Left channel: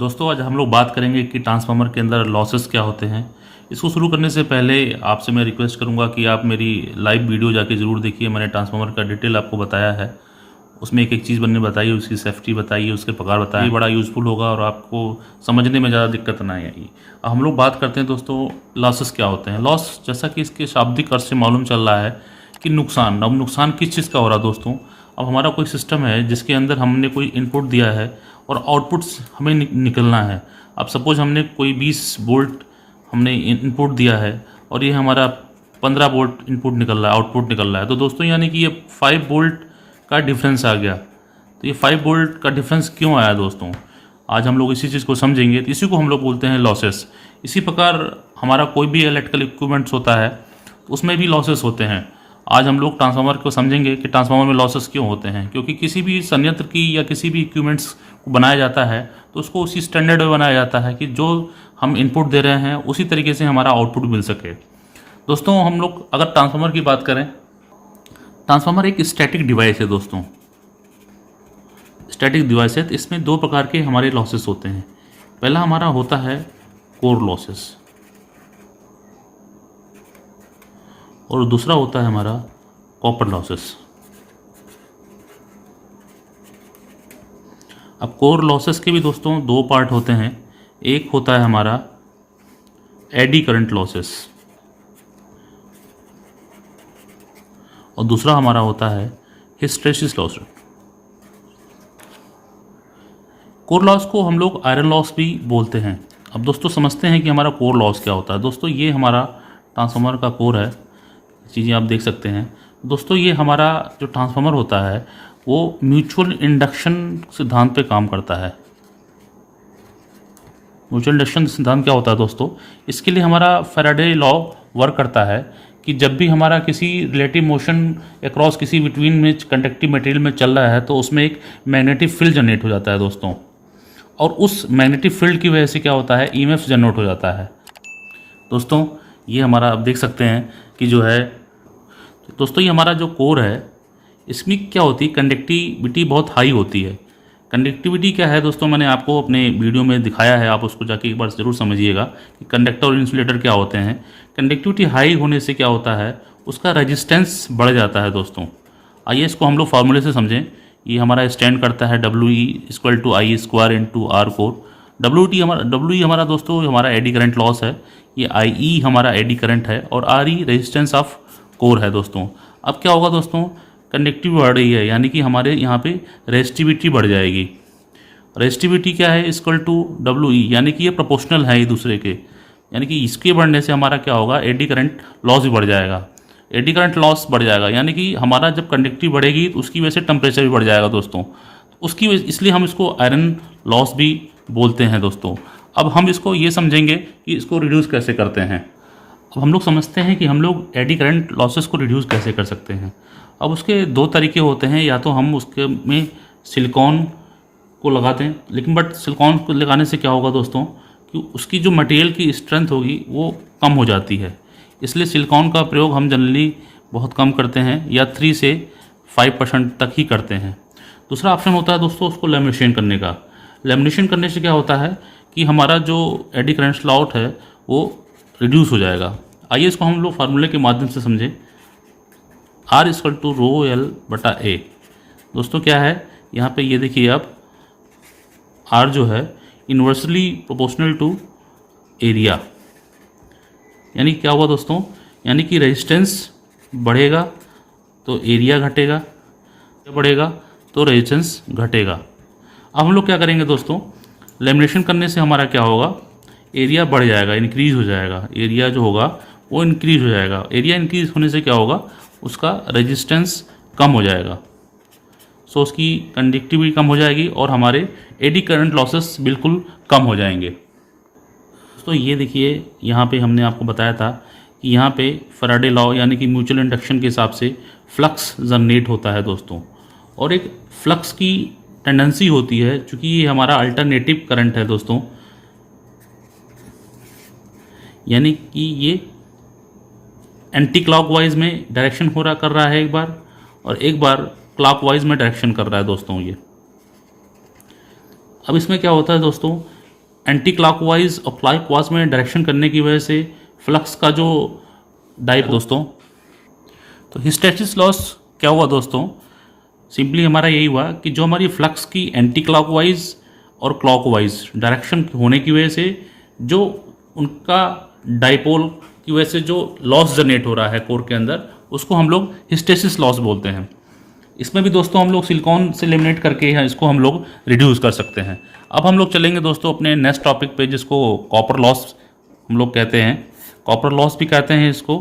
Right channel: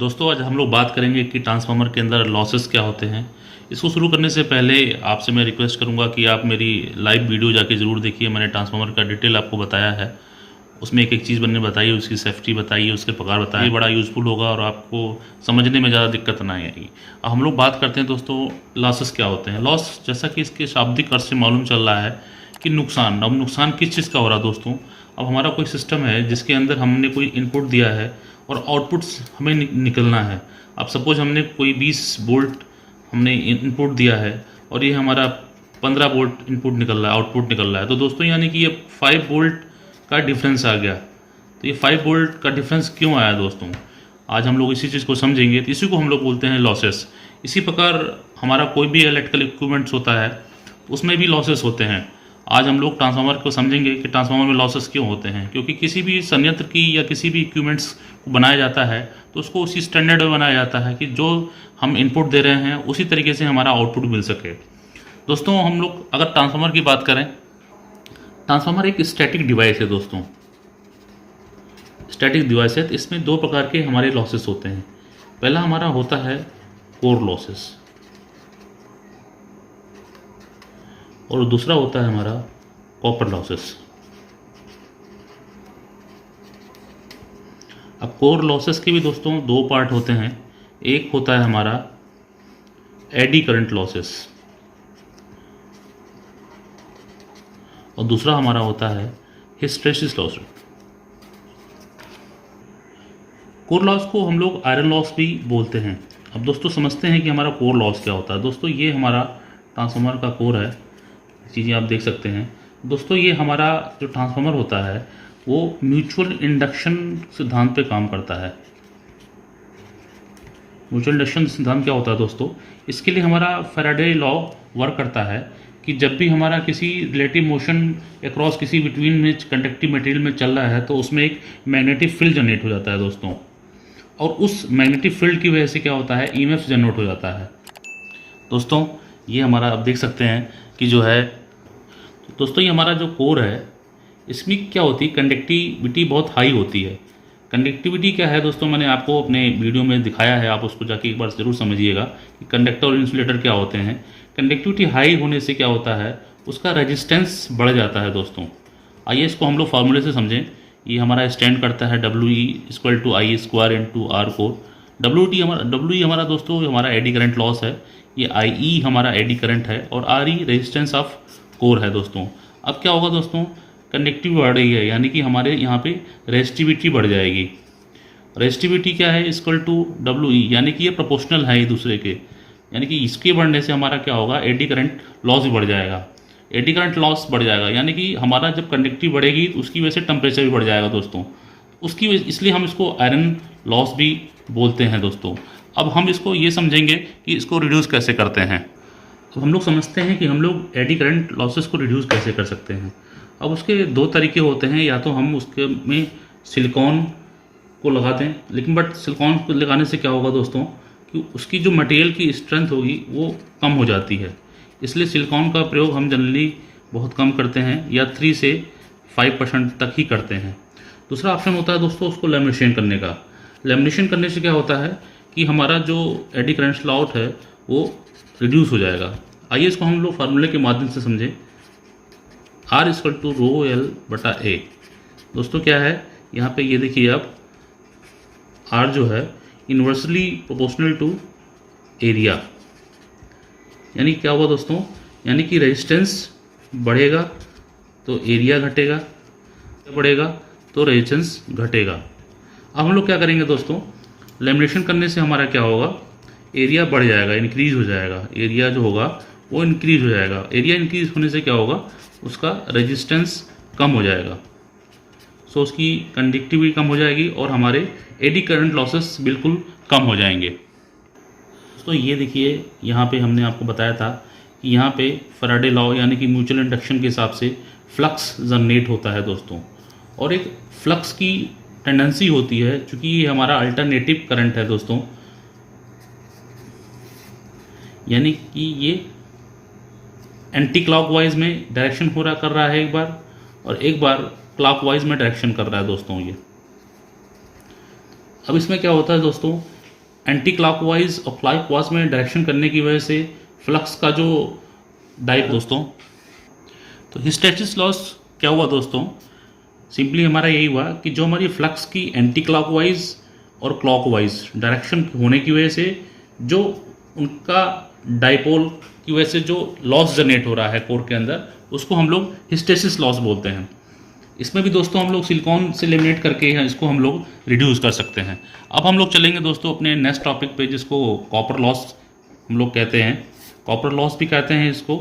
दोस्तों आज हम लोग बात करेंगे कि ट्रांसफार्मर के अंदर लॉसेस क्या होते हैं। इसको शुरू करने से पहले आपसे मैं रिक्वेस्ट करूंगा कि आप मेरी लाइव वीडियो जाके ज़रूर देखिए। मैंने ट्रांसफार्मर का डिटेल आपको बताया है, उसमें एक एक चीज़ मैंने बताई, उसकी सेफ्टी बताई, उसके प्रकार बताए। ये बड़ा यूज़फुल होगा और आपको समझने में ज़्यादा दिक्कत ना आएगी। अब हम लोग बात करते हैं दोस्तों लॉसेस क्या होते हैं। लॉस जैसा कि इसके शाब्दिक अर्थ से मालूम चल रहा है कि नुकसान। अब नुकसान किस चीज़ का हो रहा है दोस्तों? अब हमारा कोई सिस्टम है जिसके अंदर हमने कोई इनपुट दिया है और आउटपुट्स हमें निकलना है। अब सपोज हमने कोई 20 वोल्ट हमने इनपुट दिया है और ये हमारा 15 वोल्ट इनपुट निकल रहा है, आउटपुट निकल रहा है। तो दोस्तों यानी कि ये 5 वोल्ट का डिफरेंस आ गया। तो ये 5 वोल्ट का डिफरेंस क्यों आया दोस्तों? आज हम लोग इसी चीज़ को समझेंगे। तो इसी को हम लोग बोलते हैं लॉसेस। इसी प्रकार हमारा कोई भी इलेक्ट्रिकल इक्विपमेंट्स होता है तो उसमें भी लॉसेस होते हैं। आज हम लोग ट्रांसफार्मर को समझेंगे कि ट्रांसफार्मर में लॉसेस क्यों होते हैं। क्योंकि किसी भी संयंत्र की या किसी भी इक्विपमेंट्स को बनाया जाता है तो उसको उसी स्टैंडर्ड में बनाया जाता है कि जो हम इनपुट दे रहे हैं उसी तरीके से हमारा आउटपुट मिल सके। दोस्तों हम लोग अगर ट्रांसफार्मर की बात करें, ट्रांसफार्मर एक स्टैटिक डिवाइस है दोस्तों। स्टैटिक डिवाइस है तो इसमें दो प्रकार के हमारे लॉसेस होते हैं। पहला हमारा होता है कोर लॉसेस और दूसरा होता है हमारा कॉपर लॉसेस। अब कोर लॉसेस के भी दोस्तों दो पार्ट होते हैं। एक होता है हमारा एडी करंट लॉसेस और दूसरा हमारा होता है हिस्टैरिसीस लॉस। कोर लॉस को हम लोग आयरन लॉस भी बोलते हैं। अब दोस्तों समझते हैं कि हमारा कोर लॉस क्या होता है। दोस्तों ये हमारा ट्रांसफार्मर का कोर है, चीज़ें आप देख सकते हैं। दोस्तों ये हमारा जो ट्रांसफार्मर होता है वो म्यूचुअल इंडक्शन सिद्धांत पे काम करता है। म्यूचुअल इंडक्शन सिद्धांत क्या होता है दोस्तों? इसके लिए हमारा फैराडे लॉ वर्क करता है कि जब भी हमारा किसी रिलेटिव मोशन अक्रॉस किसी बिटवीन में कंडक्टिव मटेरियल में चल रहा है तो उसमें एक मैग्नेटिक फील्ड जनरेट हो जाता है दोस्तों। और उस मैग्नेटिक फील्ड की वजह से क्या होता है, ईएमएफ जनरेट हो जाता है दोस्तों। ये हमारा आप देख सकते हैं कि जो है दोस्तों ये हमारा जो कोर है इसमें क्या होती है, कंडक्टिविटी बहुत हाई होती है। कंडक्टिविटी क्या है दोस्तों, मैंने आपको अपने वीडियो में दिखाया है, आप उसको जाके एक बार ज़रूर समझिएगा कि कंडक्टर और इंसुलेटर क्या होते हैं। कंडक्टिविटी हाई होने से क्या होता है, उसका रेजिस्टेंस बढ़ जाता है दोस्तों। आइए इसको हम लोग फार्मूले से समझें। ये हमारा स्टैंड करता है WE=I² R कोर। WE हमारा दोस्तों हमारा एडी करंट लॉस है, ये IE हमारा एडी करंट है और RE रेजिस्टेंस ऑफ कोर है दोस्तों। अब क्या होगा दोस्तों, कंडक्टिविटी बढ़ रही है यानी कि हमारे यहाँ पे रेजिस्टिविटी बढ़ जाएगी। रेजिस्टिविटी क्या है, WE यानी कि ये प्रोपोर्शनल है एक दूसरे के, यानी कि इसके बढ़ने से हमारा क्या होगा, एडी करंट लॉस भी बढ़ जाएगा। एडी करंट लॉस बढ़ जाएगा यानी कि हमारा जब कंडक्टिविटी बढ़ेगी तो उसकी वजह से टेम्परेचर भी बढ़ जाएगा दोस्तों। इसलिए हम इसको आयरन लॉस भी बोलते हैं दोस्तों। अब हम इसको ये समझेंगे कि इसको रिड्यूस कैसे करते हैं। तो हम लोग समझते हैं कि हम लोग एडी करंट लॉसेस को रिड्यूस कैसे कर सकते हैं। अब उसके दो तरीके होते हैं, या तो हम उसके में सिलिकॉन को लगाते हैं, लेकिन बट सिलिकॉन को लगाने से क्या होगा दोस्तों कि उसकी जो मटेरियल की स्ट्रेंथ होगी वो कम हो जाती है। इसलिए सिलिकॉन का प्रयोग हम जनरली बहुत कम करते हैं या 3 से 5% तक ही करते हैं। दूसरा ऑप्शन होता है दोस्तों उसको लेमिनेशन करने का। लेमिनेशन करने से क्या होता है कि हमारा जो एडी करंट स्लॉट है वो रिड्यूस हो जाएगा। आइए इसको हम लोग फार्मूले के माध्यम से समझें। R=ρL/A। दोस्तों क्या है यहाँ पे, ये देखिए आप, R जो है इन्वर्सली प्रोपोर्शनल टू एरिया। यानी क्या हुआ दोस्तों, यानी कि रेजिस्टेंस बढ़ेगा तो एरिया घटेगा, बढ़ेगा तो रेजिस्टेंस घटेगा। अब हम लोग क्या करेंगे दोस्तों, लेमिनेशन करने से हमारा क्या होगा, एरिया बढ़ जाएगा, इंक्रीज हो जाएगा। एरिया जो होगा वो इंक्रीज हो जाएगा। एरिया इंक्रीज होने से क्या होगा, उसका रेजिस्टेंस कम हो जाएगा, सो उसकी कंडक्टिविटी कम हो जाएगी और हमारे एडी करंट लॉसेस बिल्कुल कम हो जाएंगे। तो ये देखिए यहाँ पे हमने आपको बताया था कि यहाँ पे फैराडे लॉ यानी कि म्यूचुअल इंडक्शन के हिसाब से फ्लक्स जनरेट होता है दोस्तों। और एक फ्लक्स की टेंडेंसी होती है, चूँकि ये हमारा अल्टरनेटिव करंट है दोस्तों, यानी कि ये एंटी क्लॉकवाइज में डायरेक्शन कर रहा है एक बार, और एक बार क्लॉकवाइज में डायरेक्शन कर रहा है दोस्तों ये। अब इसमें क्या होता है दोस्तों एंटी क्लॉकवाइज और क्लॉकवाइज में डायरेक्शन करने की वजह से फ्लक्स का जो दोस्तों, तो हिस्टैरिसीस लॉस क्या हुआ दोस्तों? सिंपली हमारा यही हुआ कि जो हमारी फ्लक्स की एंटी क्लॉकवाइज और क्लॉकवाइज डायरेक्शन होने की वजह से जो उनका डाइपोल की वजह से जो लॉस जनरेट हो रहा है कोर के अंदर, उसको हम लोग हिस्टैरिसीस लॉस बोलते हैं। इसमें भी दोस्तों हम लोग सिलिकॉन से लेमिनेट करके इसको हम लोग रिड्यूस कर सकते हैं। अब हम लोग चलेंगे दोस्तों अपने नेक्स्ट टॉपिक पे, जिसको कॉपर लॉस हम लोग कहते हैं। कॉपर लॉस भी कहते हैं इसको,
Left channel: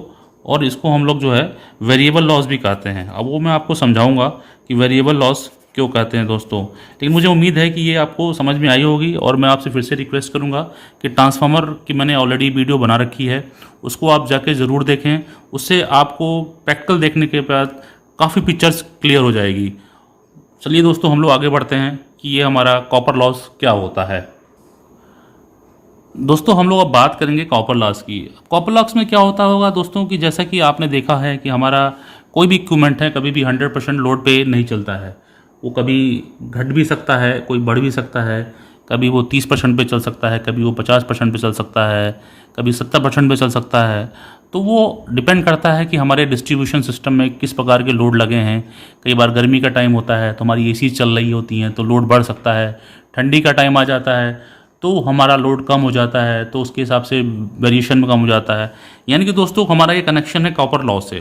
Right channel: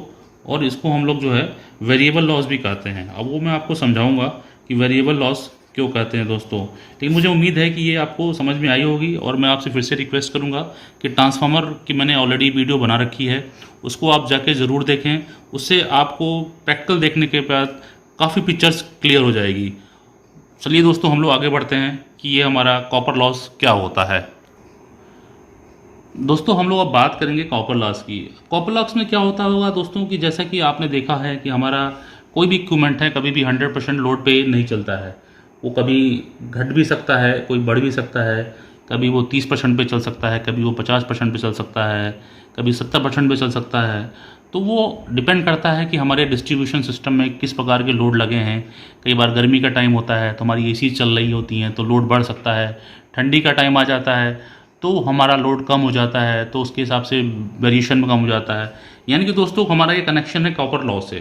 और इसको हम लोग जो है वेरिएबल लॉस भी कहते हैं। अब वो मैं आपको समझाऊंगा कि वेरिएबल लॉस क्यों कहते हैं दोस्तों। लेकिन मुझे उम्मीद है कि ये आपको समझ में आई होगी, और मैं आपसे फिर से रिक्वेस्ट करूंगा कि ट्रांसफार्मर की मैंने ऑलरेडी वीडियो बना रखी है, उसको आप जाके ज़रूर देखें। उससे आपको प्रैक्टिकल देखने के बाद काफ़ी पिक्चर्स क्लियर हो जाएगी। चलिए दोस्तों हम लोग आगे बढ़ते हैं कि ये हमारा कॉपर लॉस क्या होता है। दोस्तों हम लोग अब बात करेंगे कॉपर लॉस की। कॉपर लॉस में क्या होता होगा दोस्तों कि जैसा कि आपने देखा है कि हमारा कोई भी इक्विपमेंट है कभी भी 100% लोड पे नहीं चलता है। वो कभी घट भी सकता है, कोई बढ़ भी सकता है, कभी वो 30% पे चल सकता है, कभी वो 50% पे चल सकता है, कभी 70% पे चल सकता है। तो वो डिपेंड करता है कि हमारे डिस्ट्रीब्यूशन सिस्टम में किस प्रकार के लोड लगे हैं। कई बार गर्मी का टाइम होता है तो हमारी एसी चल रही होती हैं तो लोड बढ़ सकता है। ठंडी का टाइम आ जाता है तो हमारा लोड कम हो जाता है, तो उसके हिसाब से वेरिएशन में कम हो जाता है। यानी कि दोस्तों हमारा ये कनेक्शन है कॉपर लॉस से।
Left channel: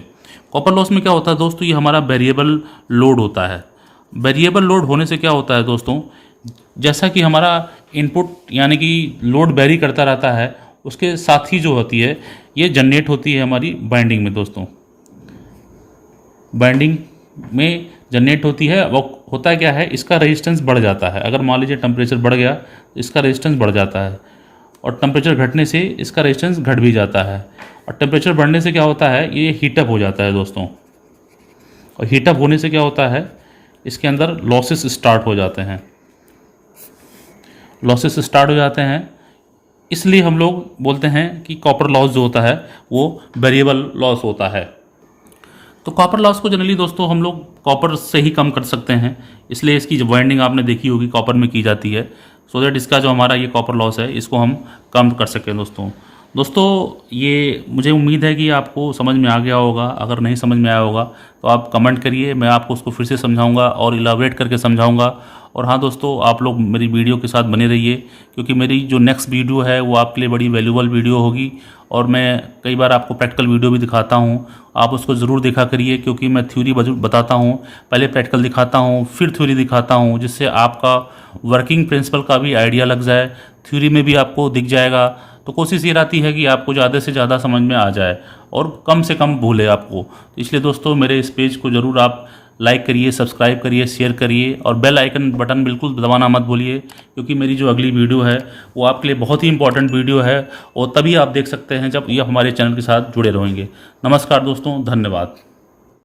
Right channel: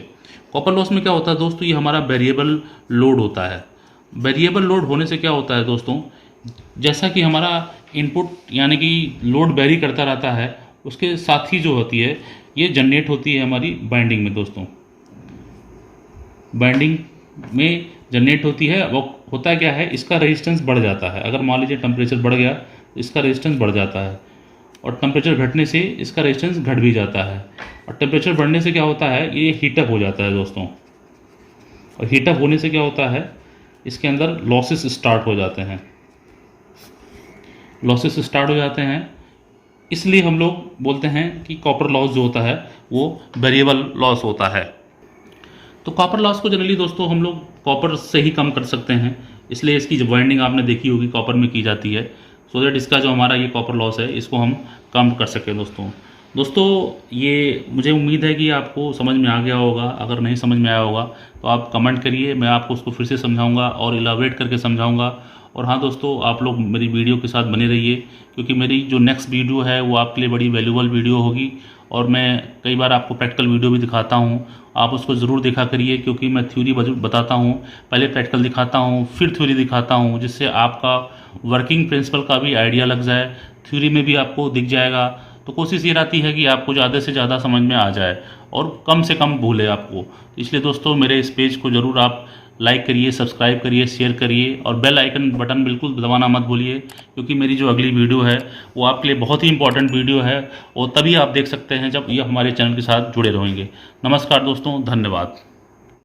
कॉपर लॉस में क्या होता है दोस्तों, ये हमारा वेरिएबल लोड होता है। वेरिएबल लोड होने से क्या होता है दोस्तों, जैसा कि हमारा इनपुट यानी कि लोड वेरी करता रहता है, उसके साथ ही जो होती है ये जनरेट होती है हमारी बाइंडिंग में दोस्तों। बाइंडिंग में जनरेट होती है। वो होता क्या है, इसका रेजिस्टेंस बढ़ जाता है। अगर मान लीजिए टेम्परेचर बढ़ गया तो इसका रेजिस्टेंस बढ़ जाता है, और टेम्परेचर घटने से इसका रेजिस्टेंस घट भी जाता है। और टेम्परेचर बढ़ने से क्या होता है, ये हीटअप हो जाता है दोस्तों। और हीटअप होने से क्या होता है, इसके अंदर लॉसेस स्टार्ट हो जाते हैं। लॉसेस स्टार्ट हो जाते हैं, इसलिए हम लोग बोलते हैं कि कॉपर लॉस जो होता है वो वेरिएबल लॉस होता है। तो कॉपर लॉस को जनरली दोस्तों हम लोग कॉपर से ही कम कर सकते हैं, इसलिए इसकी जो वाइंडिंग आपने देखी होगी कॉपर में की जाती है, सो दैट इसका जो हमारा ये कॉपर लॉस है इसको हम कम कर सकें दोस्तों ये मुझे उम्मीद है कि आपको समझ में आ गया होगा। अगर नहीं समझ में आया होगा तो आप कमेंट करिए, मैं आपको उसको फिर से समझाऊंगा और इलाबरेट करके समझाऊंगा। और हाँ दोस्तों, आप लोग मेरी वीडियो के साथ बने रहिए, क्योंकि मेरी जो नेक्स्ट वीडियो है वो आपके लिए बड़ी वैल्यूबल वीडियो होगी। और मैं कई बार आपको प्रैक्टिकल वीडियो भी दिखाता हूँ, आप उसको ज़रूर देखा करिए, क्योंकि मैं थ्योरी बताता हूँ, पहले प्रैक्टिकल दिखाता हूँ, फिर थ्योरी दिखाता हूँ, जिससे आपका वर्किंग प्रिंसिपल का भी आइडिया लग जाए, थ्योरी में भी आपको दिख जाएगा। तो कोशिश ये रहती है कि आपको ज़्यादा से ज़्यादा समझ में आ जाए और कम से कम भूले आपको। इसलिए दोस्तों मेरे इस पेज को ज़रूर आप लाइक करिए, सब्सक्राइब करिए, शेयर करिए, और बेल आइकन बटन बिल्कुल दबाना मत भूलिए, क्योंकि मेरी जो अगली वीडियो है वो आपके लिए बहुत ही इंपॉर्टेंट वीडियो है, और तभी आप देख सकते हैं जब ये हमारे चैनल के साथ जुड़े रहेंगे। नमस्कार दोस्तों, धन्यवाद।